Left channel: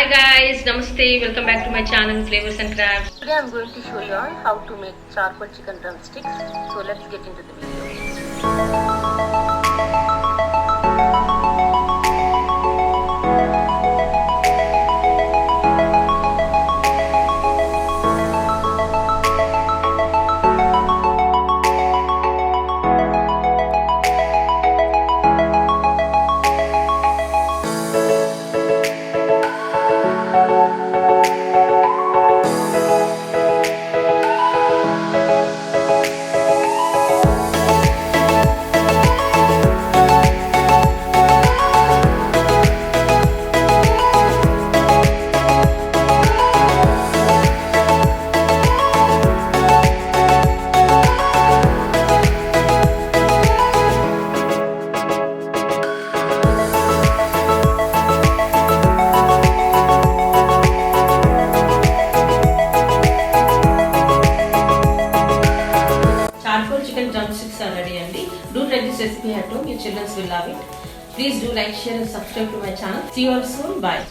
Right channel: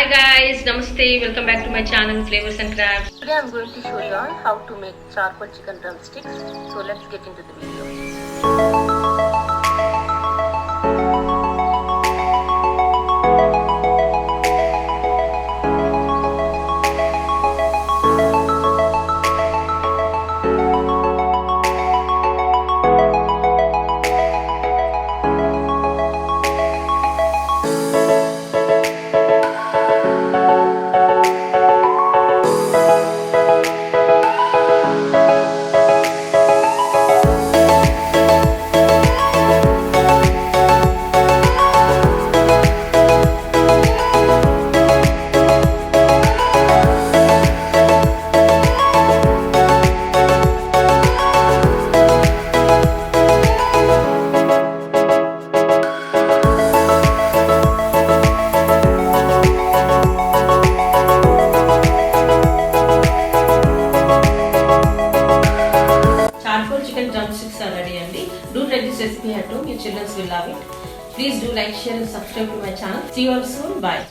Hi guys, namaste. Welcome back to my channel Flavors and Crafts. Today I'm going to show you all how to make charcoal chicken drumsticks. So let's get into the video. Charcoal chicken drumsticks are ready and do try this recipe at home. Your children will love it. Please do like, share and subscribe to my channel. See you all soon. Bye.